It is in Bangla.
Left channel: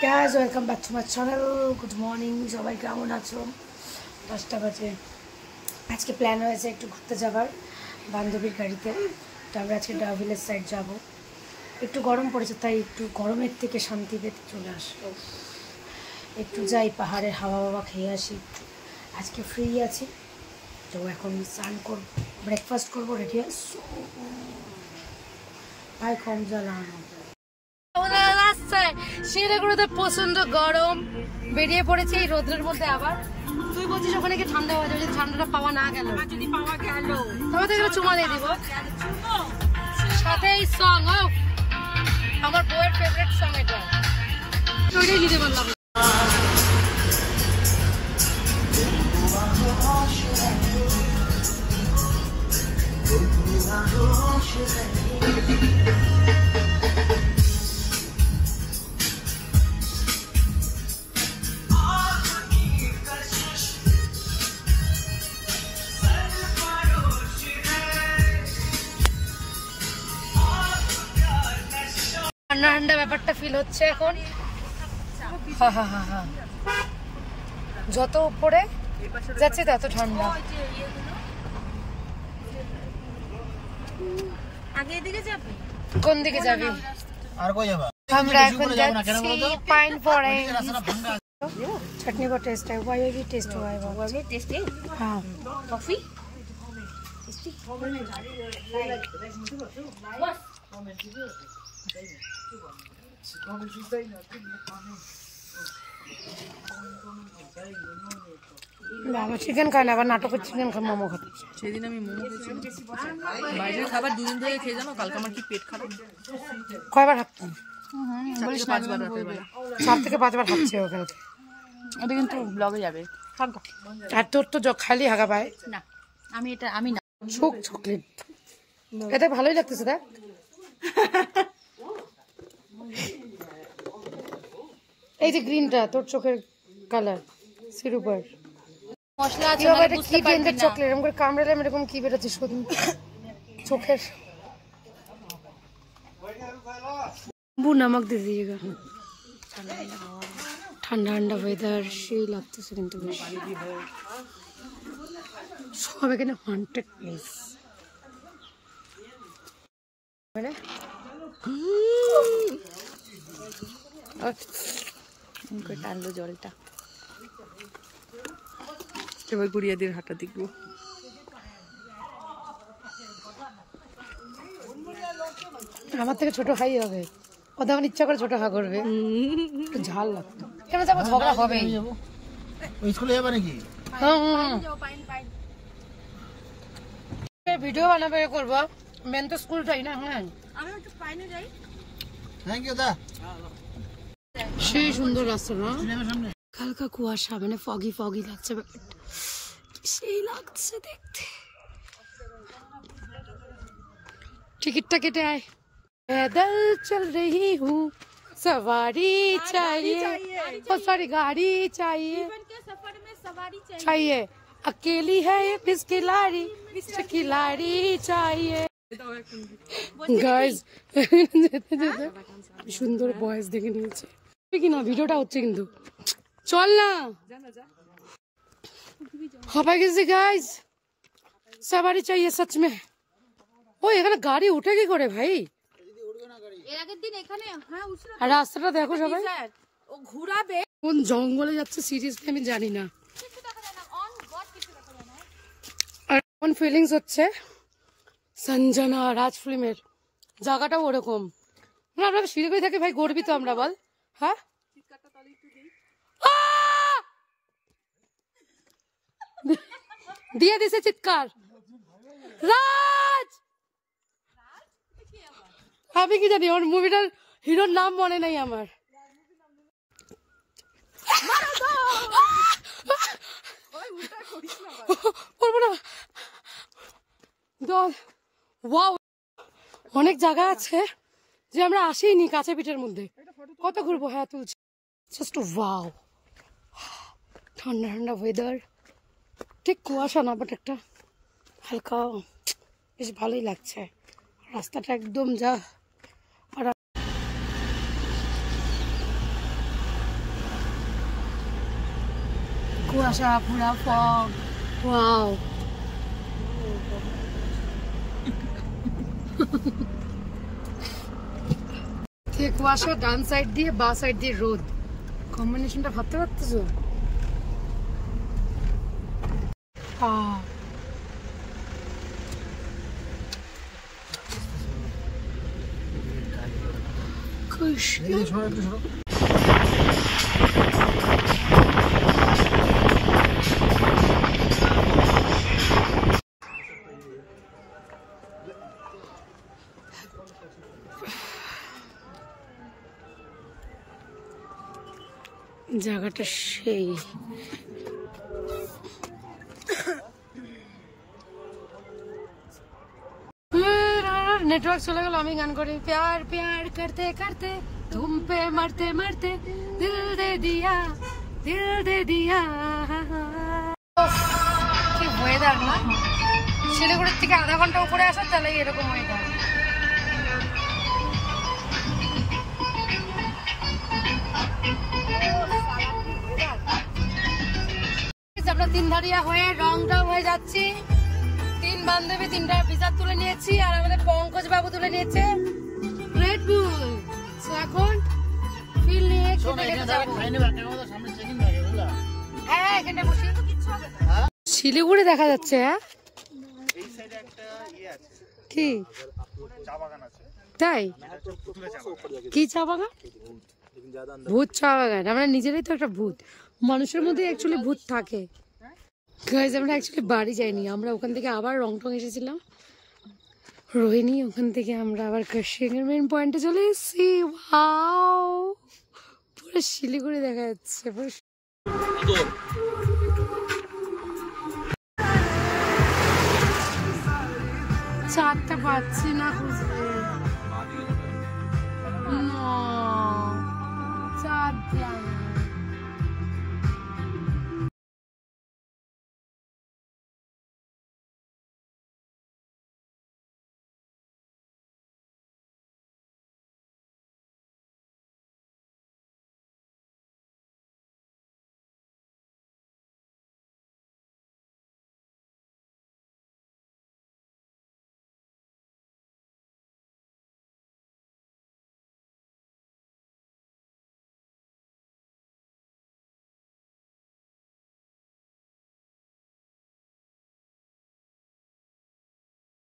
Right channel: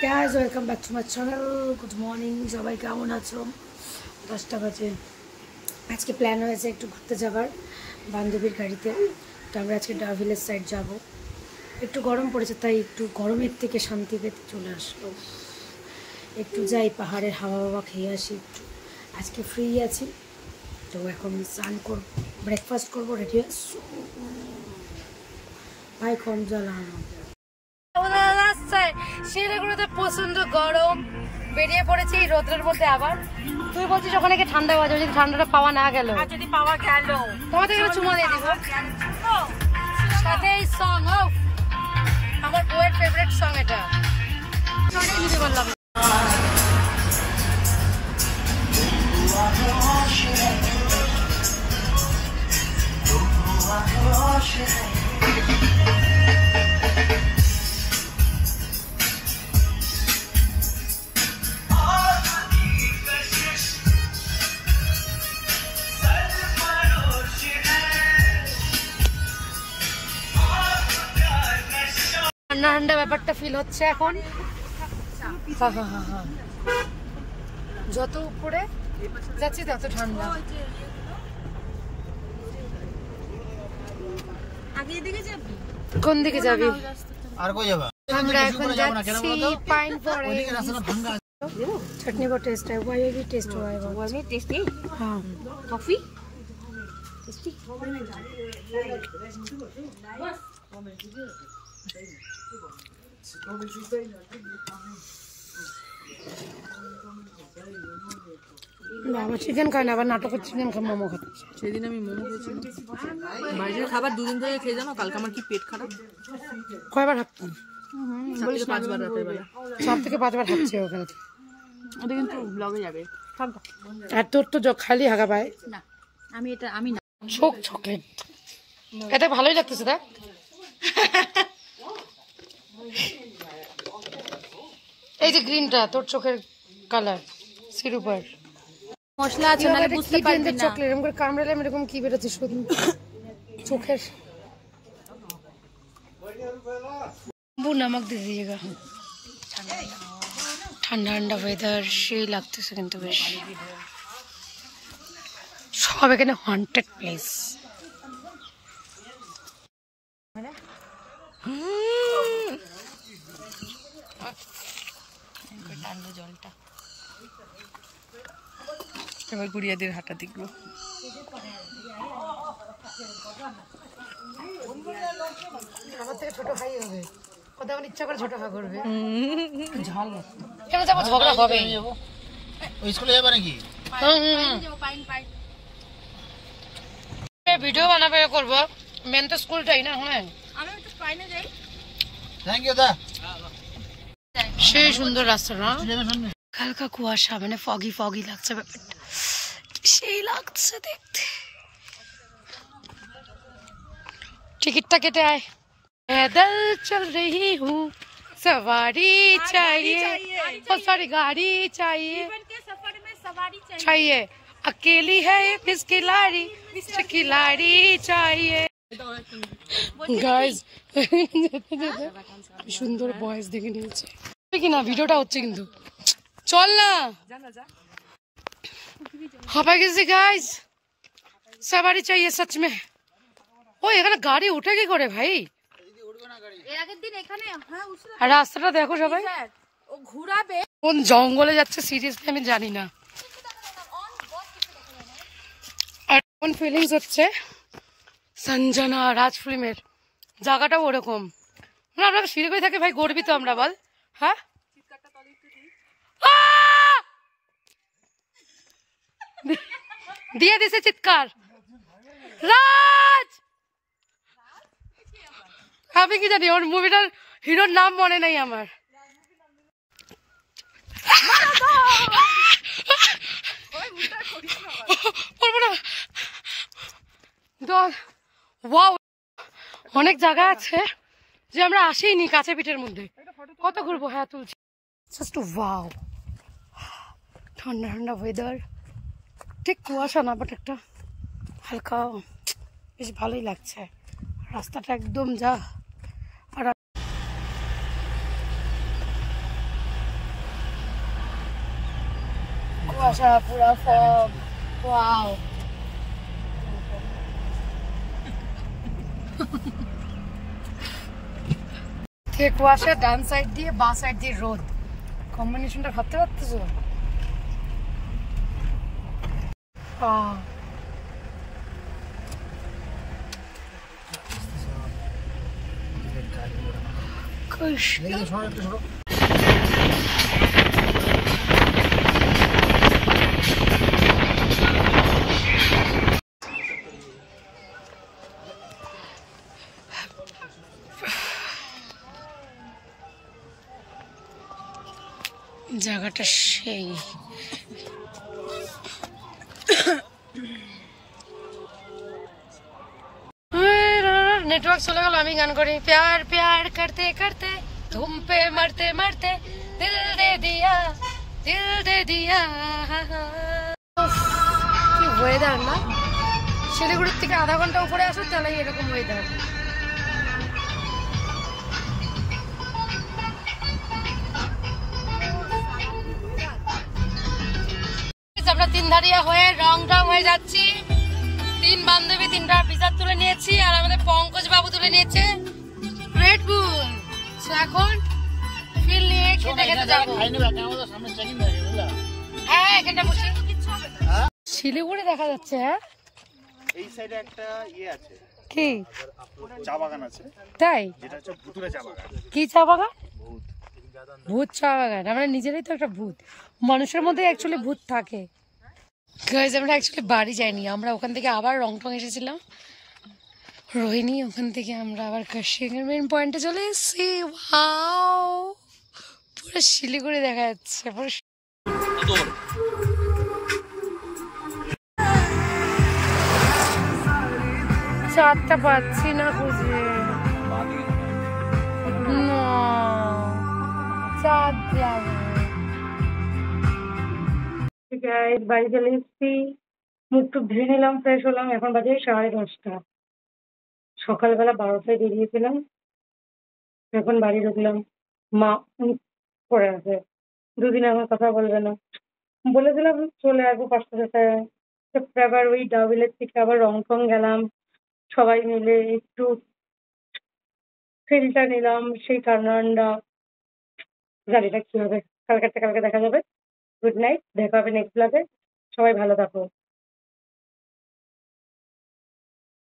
guys, welcome back to my channel. Good morning, সবাই কেমন আছো? 10টা বাজে। আজকে প্ল্যান হয়েছে একটু ঘুরতে যাবার বান্ধবীর গাড়িতে। তো আমরা আজকে ডাভিলের সাইড যাব। একটু গরম পড়েছে তাই একটু গরমের থেকে শান্তি পেতে চলে আসলো। একটু যাই পাহাড়ের হাওয়া খেয়ে আসি। আজকে ফ্রি আছি। তো এখন স্নান করব, ব্রেকফাস্ট করব, রেডি আছি। ভাই কম জ্বালানো। রাস্তায় শিলিগুড়িতে প্রচন্ড গরম, বেরিয়ে পড়েছে এই রোদ্রের মধ্যে। আবার তুই বলছিস ওখানে কি ঠান্ডা হওয়া, যদি ঠান্ডাটা পাওয়া না গেল, যদি পাওয়া গেল তোমাদের চুমা দিয়ে দিব সাথে এই সং। আমার বউয়ের ফেভারিট সং এটা, ওইটাই নিতে পারলাম। ঠান্ডা ঠান্ডা ব্যাপারটা ফিল হচ্ছে এখন। যত উপরে যাচ্ছে তত ঠান্ডা। কোন দিকে যাবি? আমরা এখন যাচ্ছি পাইন ফরেস্ট। चटनी को टेस्ट है, वाई की टेस्ट हुआ है, वाई में टेस्ट है। हाँ, कॉफी टेस्टी। বাবা চিকেন খায় না, আবার নাটকের চিকেন খায়, মোমো খাচ্ছে। সেদিন আমি মোমো খেয়েছিলাম, বাইরের খাবার দুদিন ধরে খেয়ে জানো, কালকে আমার কি পেট খারাপ। কয়বার হাঁটতাম? 5 বার রাতের বেলা, 4 থেকে 5 বার হাঁটছে ওখানে। এটা কিন্তু ব্লগে যাবে। আর তোর তো খালি হাগা পায় না, আমি না। চকলেট এটা ভালোই লাগতেছে দেখ। এই যে গ্রিনটা তোর চোখের কালার, সিরুপার মশলা আছে, কি ব্র্যান্ডের চকলেট? এরকম করে কামড়ালে এরকম কি বেরোচ্ছে শুধু চোখের। बू नमक दे दीजिएगा। ठंडा ठंडा वेदार সেই লাগতেছে কিন্তু বেশ। সব এখানে হন্টেড প্লেস। টানলো জলটা। এবার গুড়িয়াদের হাঁটা দেখবো। আমার থেকে ছোট হাই হবে, ও তখন ইচ্ছা করে ছোট হা করবে, ঝাল লাগবে। কেন যাবো, ঝগড়া হবে। ওই স্কুলে যাবে নাকি? ভিডিও বানাবে করবো, মেন তো স্কুলটাই না। হ্যাঁ, আমি একটু পাইনে যাই। থ্যাংক ইউ দা। সেই সুন্দর রাস্তা না, হালকা কুয়াশা, মানে ফগি ফগি লাগছে ব্যাপারটা, সেই লাগছে দেখতে। टिकटটা কেটে आए। पैदल चल रही हूँ, सवारी चाहिए, बहुत सारी गाड़ी चाहिए, चाहिए। अकेली है मिस खिलाड़ी, खिलाड़ी चाहिए। गाइस সুন্দর বয়েস দেখে নিয়েছে কি না, ভিডিওটা হচ্ছে কিন্তু। চল না, হাঁপাই গেছি গাইস। सवारी चाहिए सच में। ও এখানে গাড়ি উঠে কি করে ভাই? আর রাস্তাটা দেখো সবাই, কোন জঙ্গলে যাচ্ছে সিরিয়াসলি আমি জানি না। আর কোন ফিলিংস হচ্ছে সঞ্জনা রাজ ফিল্মের জায়গাটাও ওরকম। না আমরা শিলিগুড়ি থাকি ভাই, গর্বিত আমরা, বল। হ্যাঁ, দিয়ে দিছে চিৎকার রাজ। আমি কি জানি, ওর মুভিটার হিরোর নাম মনে নাই আমার। অনেক জায়গা আছে যে আমরা আসিনি, কাছে পিঠের মধ্যে কত ঘুরবো। হ্যাঁ তুলছি, জাস্ট ওয়াও, ঠান্ডা ঠান্ডা ওয়েদার, ঠিক কুয়াশা না, বাট একটা হালকা বেশ ভালোই লাগছে। রাস্তাটা একদম যা কুয়াশা পুরা ফগ। ওয়াও, থেকে কুয়াশা, ডান সাইড দিয়ে বা সাইড দিয়ে রোদ, কম্বিনেশনটা ভাবতে পারতেছো? জায়গাটা সেই নেটওয়ার্ক চলে গেল। আমি গান করি, প্যার প্যার করতে করতে তুম পে মরতে মরতে দিল দে দিয়া, দিল দে দিয়া। কি ওয়েদার না, শিলিগুড়ির থেকে আধা ঘন্টা উপরে আসো তাহলে এরকম ওয়েদার। আমরা তিনধারিয়া হয়ে রং হয়ে যাচ্ছি। 3 বান্ধবী 3টা পিজার তুলে নিয়েছি, আর আমাদের পঙ্কজ বাবু তুলে নিয়েছে রেড বুল। এখন ফিল নিয়ে খেতে খেতে যাবো। হ্যাঁ, এখানটা বসে শিলিগুড়ি দেখা যাচ্ছে। হ্যাঁ, এই সাইডে একটা আছে, কি চা বাগান আছে। তাই? এটা হচ্ছে ভুতুরে চা বাগান। কি চা বাগান? ভূত চা বাগান। আমরা নিজেরাই তো একটা ভূত, মানুষের মধ্যে অ্যাকচুয়ালি ভূত থাকে। গাইজ, আমরা অ্যাকচুয়ালি বাড়ি যাইনি, আমরা ওখান থেকে আবার রংটং এসেছিলাম রোহিণী, ওখান থেকে আমরা আবার কাশিয়াঙ্গের মেন পয়েন্টে চলে এসেছি। ওয়াও, পুরো শিলিগুড়ি দেখা যাচ্ছে। পুরো চারটা পাচ্ছি না খুঁজে, না চাঁদ বাড়ি চলে এসেছি, মুখ টুক ধুয়ে নিলাম, ফ্রেশ হলাম। এখন বাজে 10:30। সকালবেলা 12টায় বেরিয়েছিলাম, এখন বাড়ি ঢুকলাম। মা পড়ে আছে, 2 দিন আমার কথা বলবে না। বলেছিলাম চলে আসবো 5টা 6টায়। আবার ওই ডাউভিলের থেকে আবার রংটং গেলাম, সবাই মিলে একটু ফিলটা নিলাম, সেই ঠান্ডা। জানিটা কি হবে, কালকে দেখা যাবে। গুড নাইট, দেখা হবে নেক্সট ব্লগে। সবাই ভালো থাকো।